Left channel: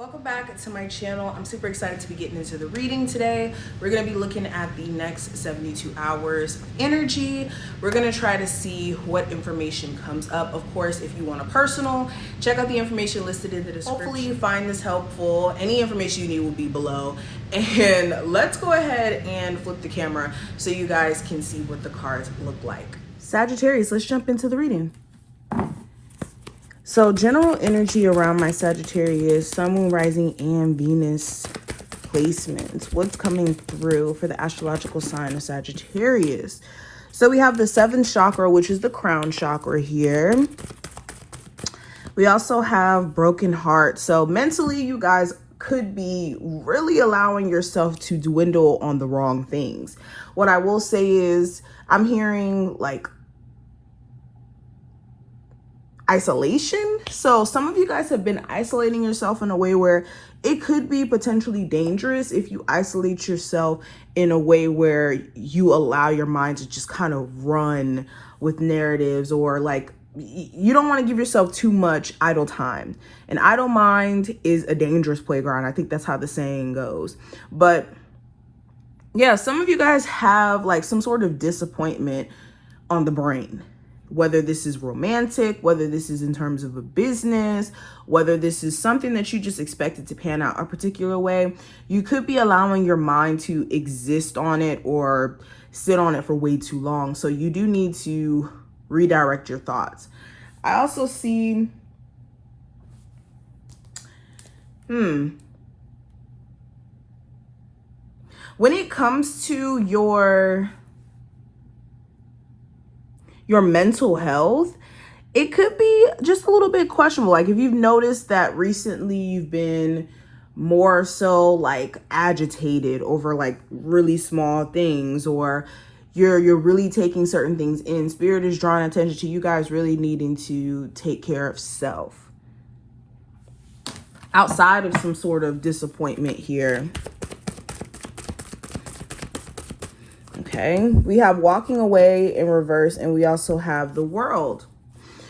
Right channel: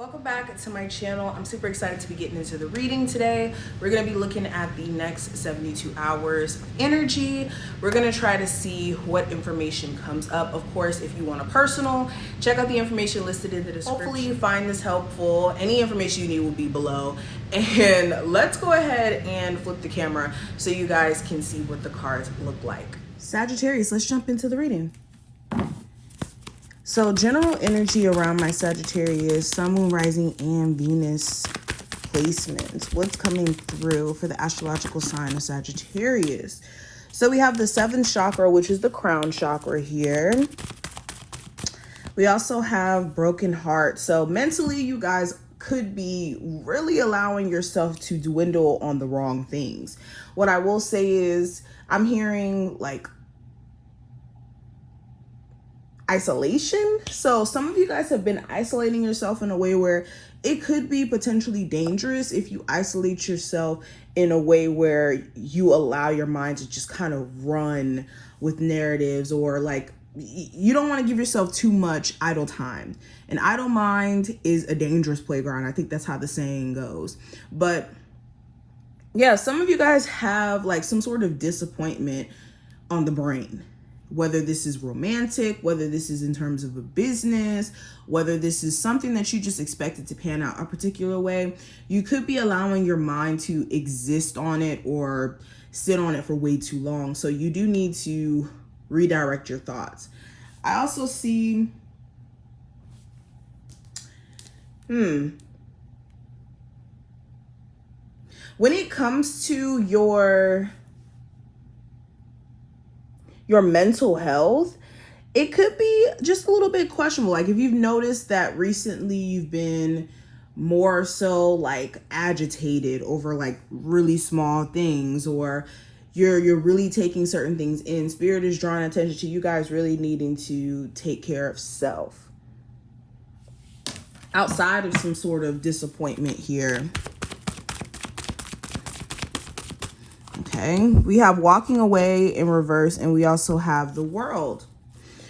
Welcome back to my channel. I'm super excited to be getting into the reading today. We're going to be looking at the next 72 hours of energy. We're going to try to see what information comes up. Of course, if you want a personal, check out the information listed in the description. Hopefully you find this helpful. Any information you need will be below. And let's go ahead and flip the camera so you guys can see what the cards look like. Sagittarius, let's jump into the reading. So general energy around my Sagittarius, Sun, Moon, Rising, and Venus placements. What's coming through for the astrological sign of Sagittarius? So we have the 7th chakra, which is the crown chakra here. We also have broken heart. So mentally, you guys could be really allowing yourself to dwindle on the wrong things. What I will say is I'm hearing like isolation. So some of you guys have been isolating yourself in a way where it could be potentially dangerous if you isolate yourself in a way where you allow your mind to just kind of run with narratives, or like you don't want to give yourself too much idle time. An idle mind is a dangerous playground. I think that's how the saying goes. But yeah, some of you guys have like some sort of disappointment on the brain. Whether this is romantic, whether this is in terms of a business, whether this is something that you just expected to pan out a particular way, you could be allowing your mind to exist on it or sit on it for way too long. So you do need to redirect your thoughts. I also see, when it comes to your mental health, it could be just a little bit questionable. Like if you've noticed that recently you've been more so like agitated over like really small things, or you're really taking certain things in, Spirit is drawing attention to you guys really needing to take care of self outside of some sort of disappointment here. Okay, we have walking away in reverse, and we also have the World.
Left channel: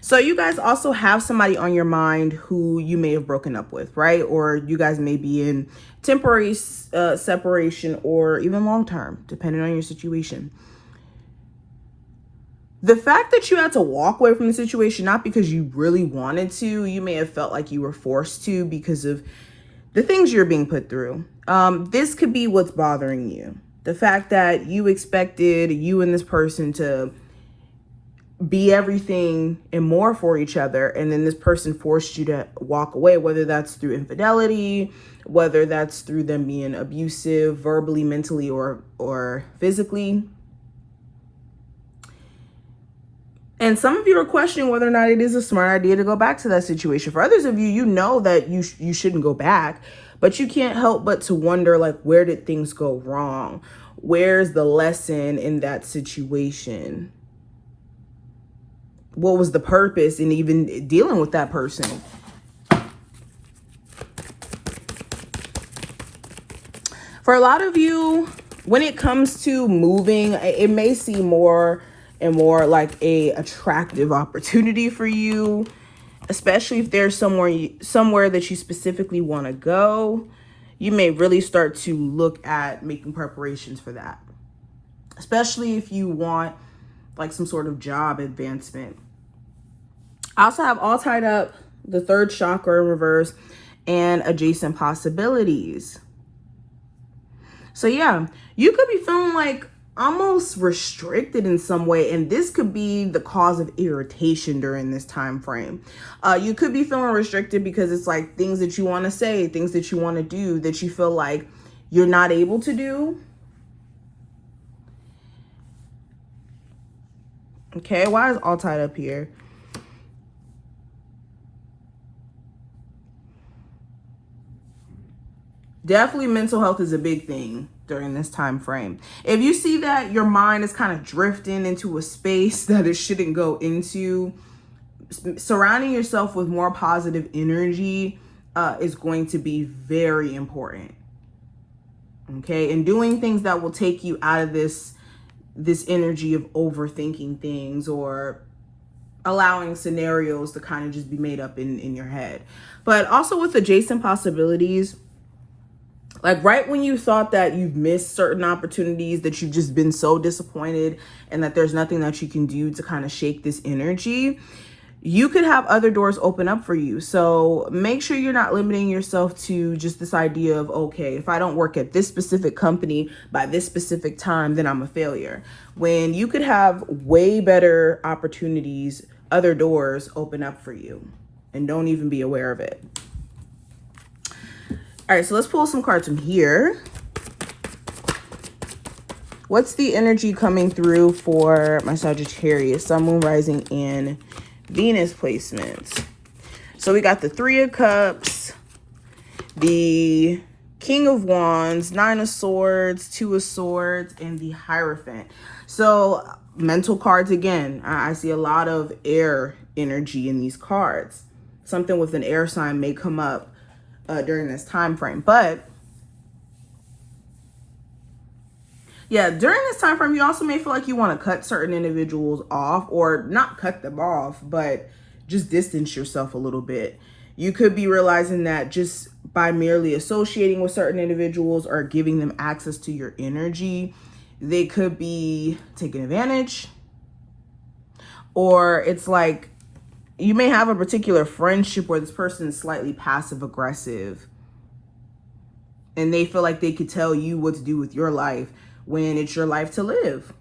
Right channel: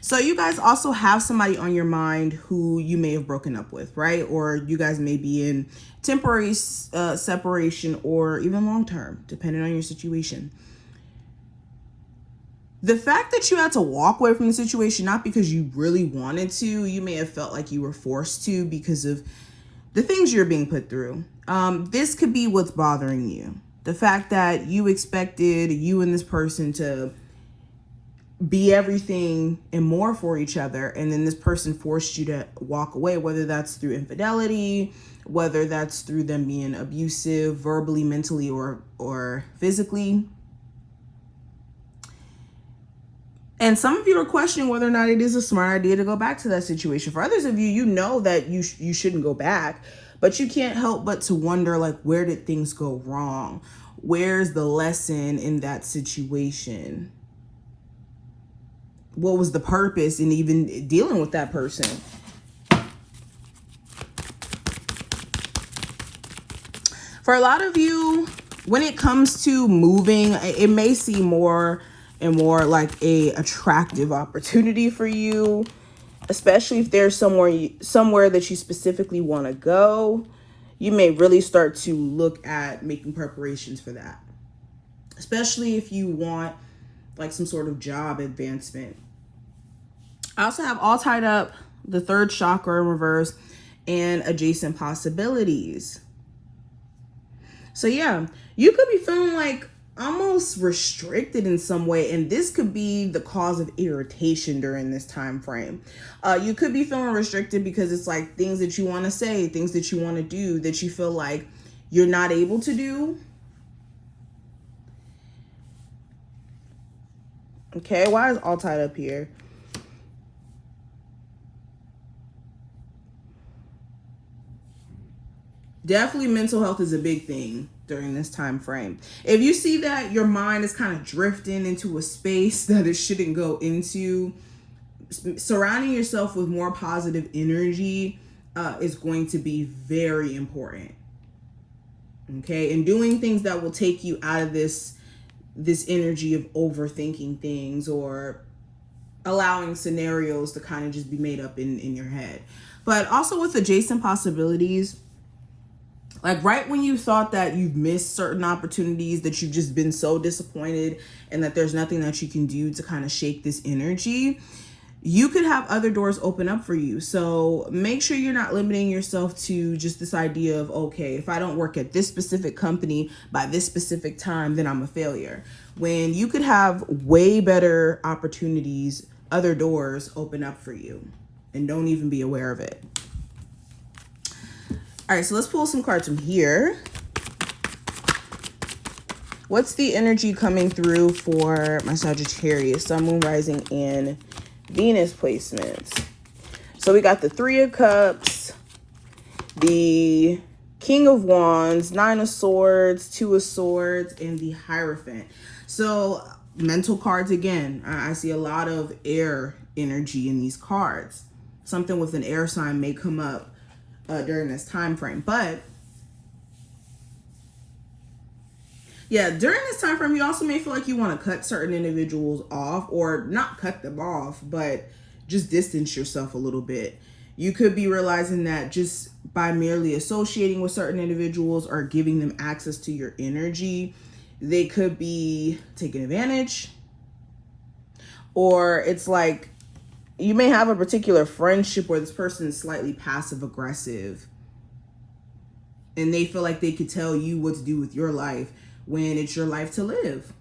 So you guys also have somebody on your mind who you may have broken up with, right? Or you guys may be in temporary separation, or even long-term, depending on your situation. The fact that you had to walk away from the situation, not because you really wanted to, you may have felt like you were forced to because of the things you're being put through. This could be what's bothering you. The fact that you expected you and this person to be everything and more for each other, and then this person forced you to walk away, whether that's through infidelity, whether that's through them being abusive, verbally, mentally, or physically. And some of you are questioning whether or not it is a smart idea to go back to that situation. For others of you, you know that you shouldn't go back. But you can't help but to wonder, like, where did things go wrong? Where's the lesson in that situation? What was the purpose in even dealing with that person? For a lot of you, when it comes to moving, it may seem more and more like a attractive opportunity for you. Especially if there's somewhere that you specifically want to go, you may really start to look at making preparations for that. Especially if you want like some sort of job advancement. I also have all tied up the 3rd chakra in reverse and adjacent possibilities. So yeah, you could be feeling like almost restricted in some way, and this could be the cause of irritation during this time frame. You could be feeling restricted because it's like things that you want to say, things that you want to do that you feel like you're not able to do. Okay, why is all tied up here? Definitely mental health is a big thing during this time frame. If you see that your mind is kind of drifting into a space that it shouldn't go into, surrounding yourself with more positive energy is going to be very important. Okay, and doing things that will take you out of this energy of overthinking things or allowing scenarios to kind of just be made up in your head. But also with adjacent possibilities, like right when you thought that you've missed certain opportunities, that you've just been so disappointed and that there's nothing that you can do to kind of shake this energy, you could have other doors open up for you. So make sure you're not limiting yourself to just this idea of, okay, if I don't work at this specific company by this specific time, then I'm a failure. When you could have way better opportunities, other doors open up for you, and don't even be aware of it. All right, so let's pull some cards from here. What's the energy coming through for my Sagittarius, Sun, Moon, Rising, and Venus placements? So we got the Three of Cups, the King of Wands, Nine of Swords, Two of Swords, and the Hierophant. So mental cards again. I see a lot of air energy in these cards. Something with an air sign may come up during this time frame. But yeah, during this time frame, you also may feel like you want to cut certain individuals off, or not cut them off, but just distance yourself a little bit. You could be realizing that just by merely associating with certain individuals or giving them access to your energy, they could be taking advantage. Or it's like you may have a particular friendship where this person is slightly passive aggressive and they feel like they could tell you what to do with your life when it's your life to live.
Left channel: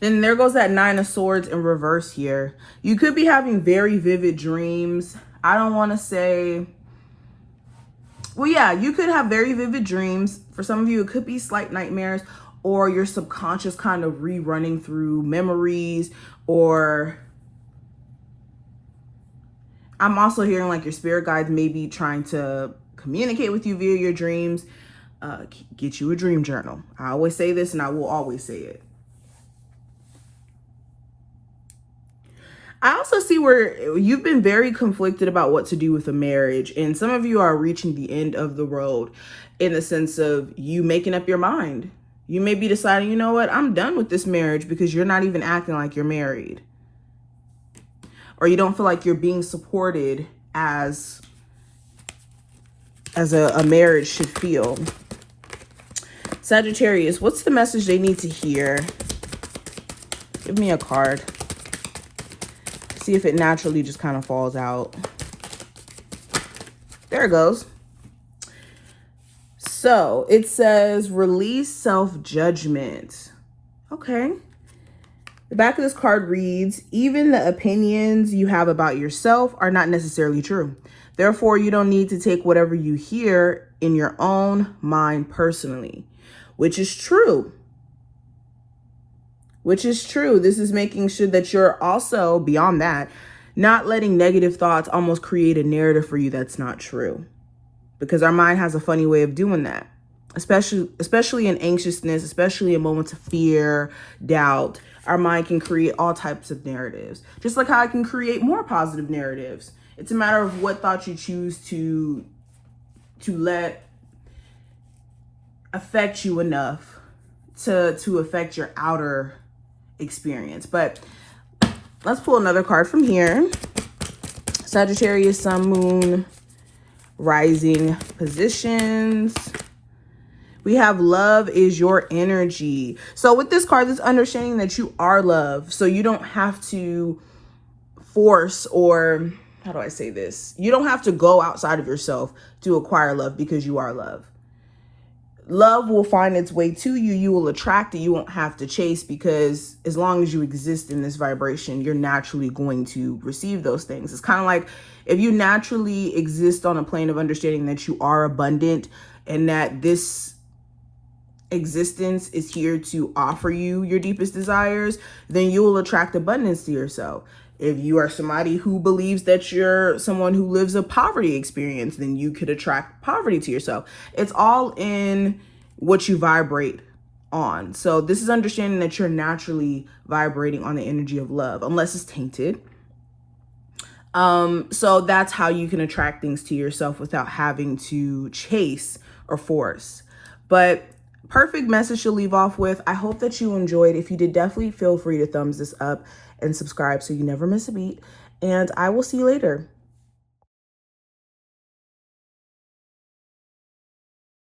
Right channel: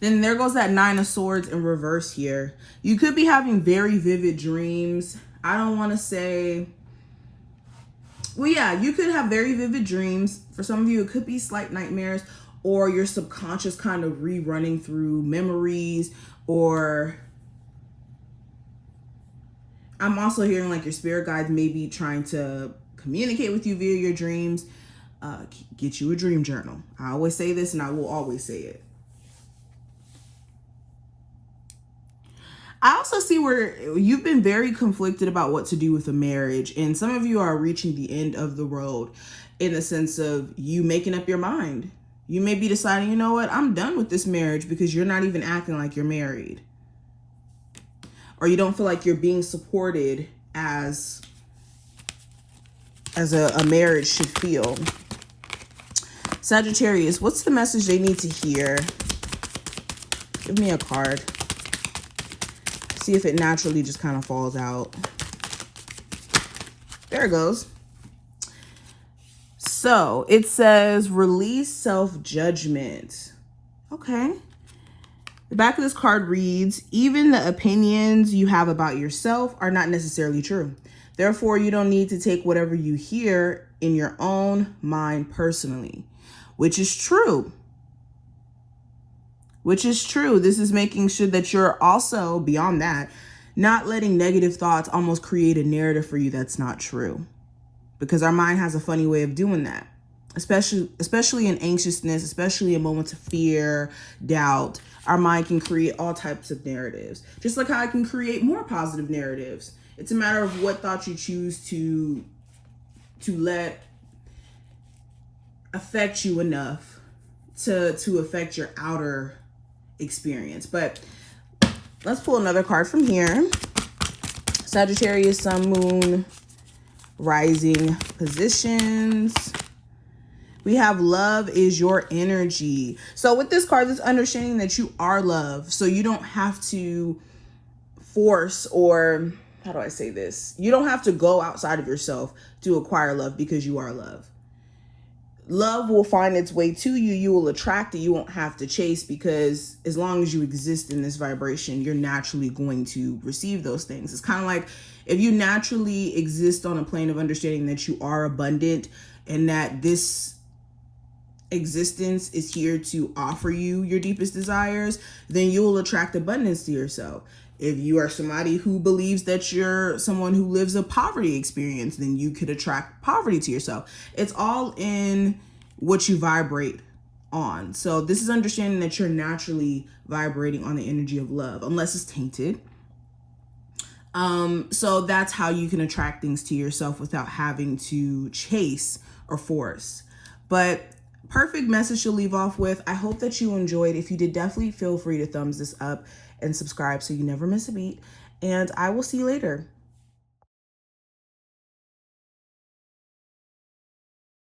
Then there goes that Nine of Swords in reverse here. You could be having very vivid dreams. I don't want to say, well, yeah, you could have very vivid dreams. For some of you, it could be slight nightmares, or your subconscious kind of rerunning through memories, or I'm also hearing like your spirit guides may be trying to communicate with you via your dreams. Get you a dream journal. I always say this and I will always say it. I also see where you've been very conflicted about what to do with a marriage, and some of you are reaching the end of the road in the sense of you making up your mind. You may be deciding, you know what, I'm done with this marriage, because you're not even acting like you're married. Or you don't feel like you're being supported as a marriage should feel. Sagittarius, what's the message they need to hear? Give me a card. See if it naturally just kind of falls out. There it goes. So it says release self-judgment. Okay. The back of this card reads, even the opinions you have about yourself are not necessarily true. Therefore, you don't need to take whatever you hear in your own mind personally, which is true. Which is true. This is making sure that you're also, beyond that, not letting negative thoughts almost create a narrative for you that's not true. Because our mind has a funny way of doing that, especially in anxiousness, especially in moments of fear, doubt. Our mind can create all types of narratives, just like how it can create more positive narratives. It's a matter of what thoughts you choose to let affect you enough to affect your outer experience. But let's pull another card from here. Sagittarius, Sun, Moon, Rising positions. We have love is your energy. So with this card, it's understanding that you are love. So you don't have to force, or how do I say this? You don't have to go outside of yourself to acquire love, because you are love. Love will find its way to you. You will attract it. You won't have to chase, because as long as you exist in this vibration, you're naturally going to receive those things. It's kind of like if you naturally exist on a plane of understanding that you are abundant and that this existence is here to offer you your deepest desires, then you will attract abundance to yourself. If you are somebody who believes that you're someone who lives a poverty experience, then you could attract poverty to yourself. It's all in what you vibrate on. So this is understanding that you're naturally vibrating on the energy of love, unless it's tainted. So that's how you can attract things to yourself without having to chase or force. But perfect message to leave off with. I hope that you enjoyed. If you did, definitely feel free to thumbs this up and subscribe so you never miss a beat. And I will see you later.